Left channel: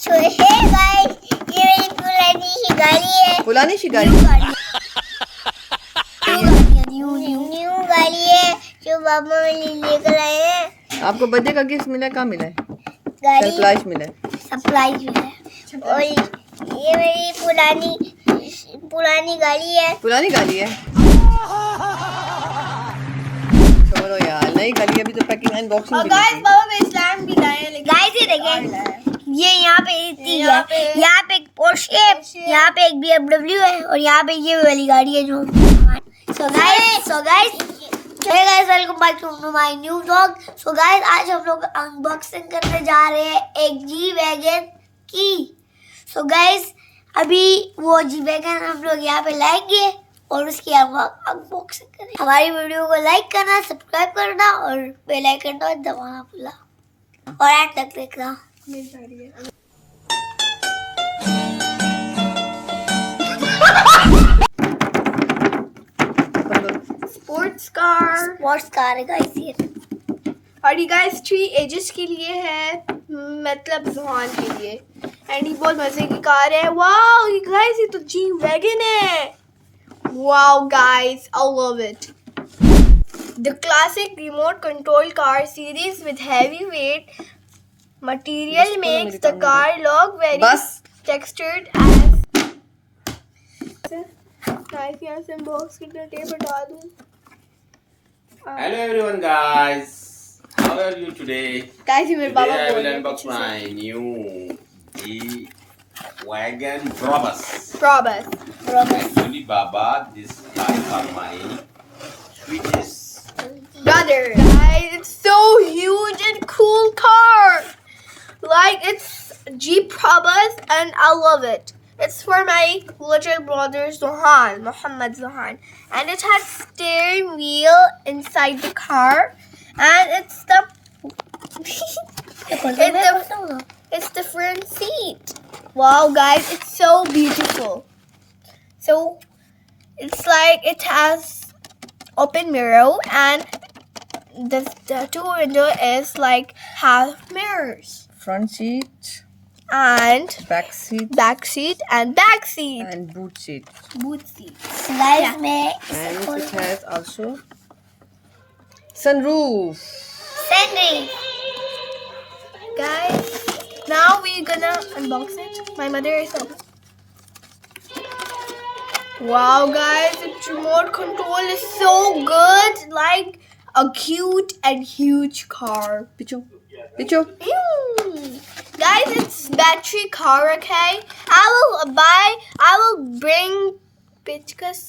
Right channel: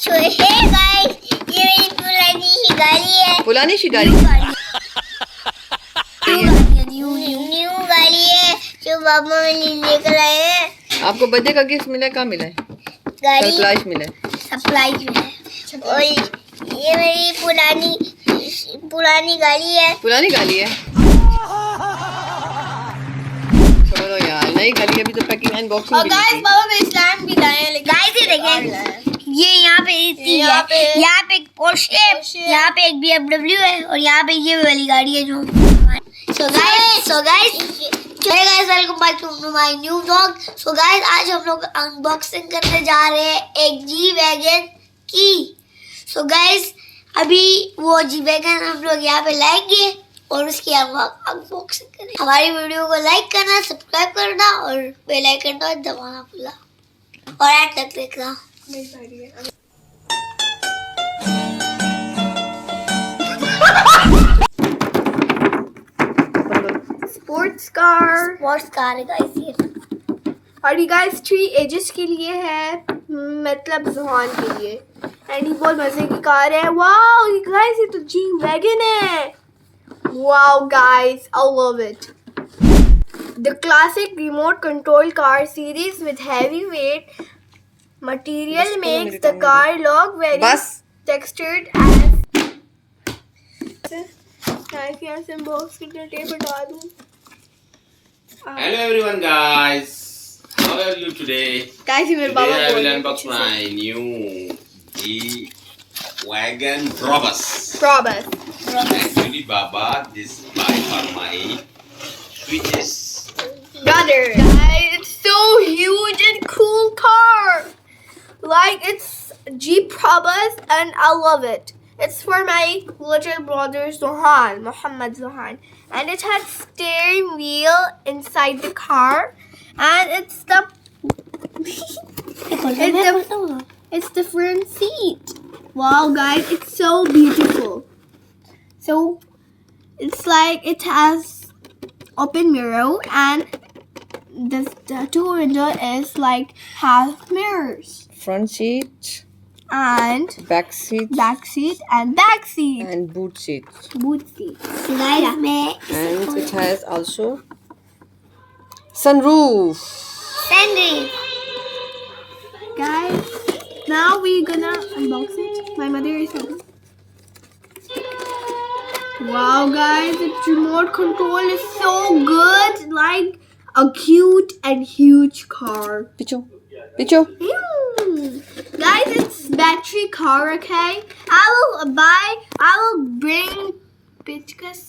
So hey guys, ये मेरी पुरानी सी गाड़ी है। पुरानी सी गाड़ी न्यू गाड़ी है जो पापा मेरे लेकर आए हैं। आपको बर्थडे का गिफ्ट मिला है? कहाँ मिला है? गाड़ी सरप्राइज मिला है। सरप्राइज में है और ये मेरी पुरानी गाड़ी है। पुरानी गाड़ी है। छोड़ो यार, नई गाड़ी अभी तो पैकिंग अनबॉक्सिंग भी नहीं की। बाबा में इस्लाम की लाए हैं, लेकिन गाइस ये देखें, ये यहाँ पे इतनी है, यहाँ पे एक पोर्शे है, यहाँ पे एक BMW है और यहाँ पे ये वाली गाड़ी है जो so guys hey guys, welcome back to my new vlog. So guys, आज हम लोग अनबॉक्सिंग करने जा रहे हैं एक जी वैगन की। So guys, अभी वो जी वैगन हम लोग यहाँ पे लाएंगे और उसकी अनबॉक्सिंग करेंगे। हमारी वीडियो को लाइक करना, सब्सक्राइब करना और बेल आइकन तो दबाना भूलना और एंड तक देखना। स्पोर्ट्स कार है गाइस ये। और ये गाइस 3 एजेस के लिए है, मतलब जुहान के लिए। एंड ये बहुत मजे की कार है। वाओ ये गाइस, ये तो जी वैगन है। Wow guys, I love it. The classic remote control car series with heavy weight material makes the car look very textured as यहाँ से बॉक्स की टेप हटा दूँ। Hello everyone guys, how are you today? Guys, Today I will unbox my new G-Wagon Brabus. Actually Baba, this bike are my sweetest brother. It's so huge and cool car. Like it's Jeep Brabus and I love it. It's for my little brother Zohan, Muhammad Zohan. And it has steering wheel inside the car. And it's the front seat. Wow guys, it's so beautiful. So it's like it has open mirror and the two window is like half mirrors. Front seat And back seat and boot seat. Guys Yeah. मैं And it has also sunroof. Sandal Guys, now we're gonna unbox it. My mother is home. Wow guys, its remote control is so good. Like a cute and huge car. Picho. Guys, it's battery car, okay? I will bring pictures